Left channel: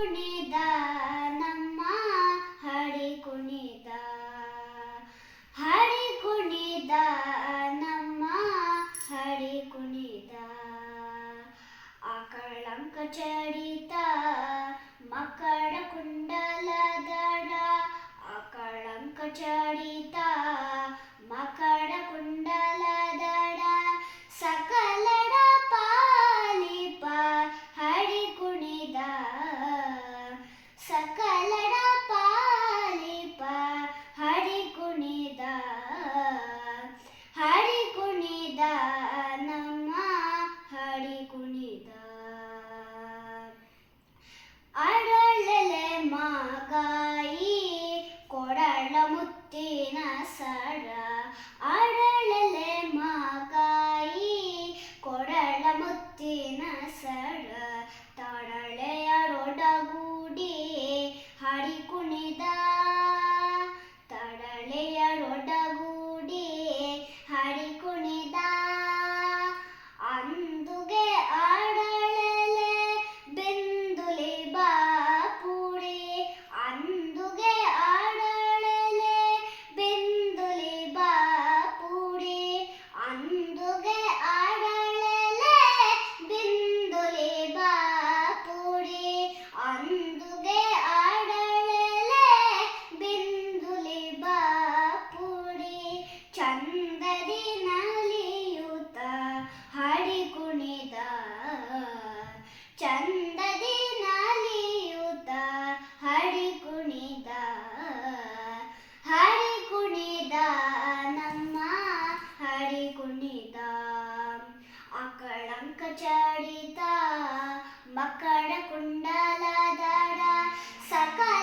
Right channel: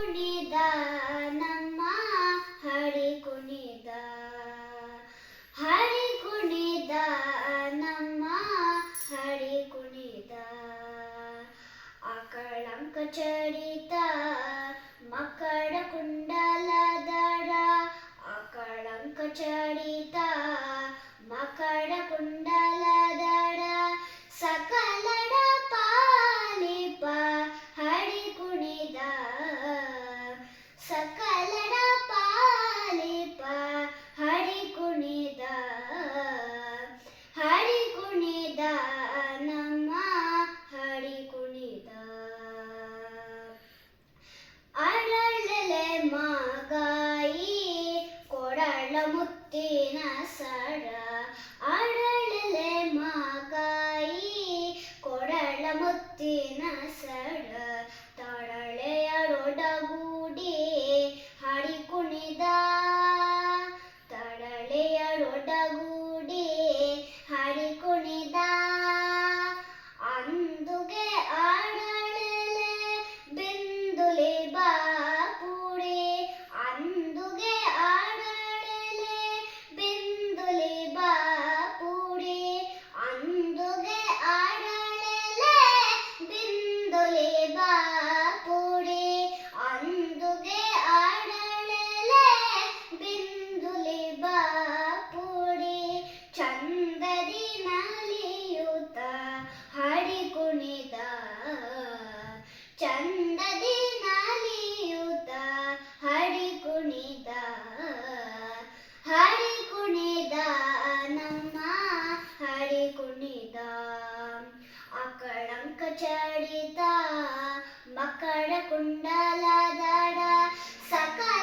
ಕುಣಿದ ನಮ್ಮ ಹರಿ ಕುಣಿದ ನಮ್ಮ ಹರಿ ಕುಣಿದ ಆಕಳಂಕ ಚಡಿತ ಮಕರ ಕುಂಡಲದರ ಆಕಳಂಕ ಚಡಿತ ಮಕರ ಕುಂಡಲದರ ಸಕಲರ ಪಾಲಿಪ ಹರಿ ಕುಣಿದ ಸಕಲರ ಪಾಲಿಪ ಹರಿ ಕುಣಿದ ನಮ್ಮ ಹರಿ ಕುಣಿದ ಅರಳೆಲೆ ಮಾಗಾಯಿ ಕೊರಳ ಮುತ್ತಿನ ಸರ ಅರಳೆಲೆ ಮಾಗಾಯಿ ಕೊರಳ ಮುತ್ತಿನ ಸರ ತರಳೆಯರೊಡಗೂಡಿ ಹರಿ ಕುಣಿದ ತರಳೆಯರೊಡಗೂಡಿ ಹರಿ ಕುಣಿದ ಅಂದುಗೆ ಆಡಳೆಲೆ ಬಿಂದುಲಿ ಬಾಪುಡಿ ಅಂದುಗೆ ಆಡಳೆಲೆ ಬಿಂದುಲಿ ಬಾಪುಡಿ ಅಂದುಗೆ ಆಡಳೆಲೆ ಬಿಂದುಲಿ ಬಾಪುಡಿ ಅಂದುಗೆ ಆಡಳೆಲೆ ಬಿಂದುಲಿ ಬಾಪುಡಿ ಚಂದದಿ ನಲಿಯುತ್ತ ಹರಿ ಕುಣಿದ ಚಂದದಿ ನಲಿಯುತ್ತ ಹರಿ ಕುಣಿದ ನಮ್ಮ ಹರಿ ಕುಣಿದ ಆಕಳಂಕ ಚಡಿತ ಮಕರ ಕುಂಡಲದರ ಸಕಲ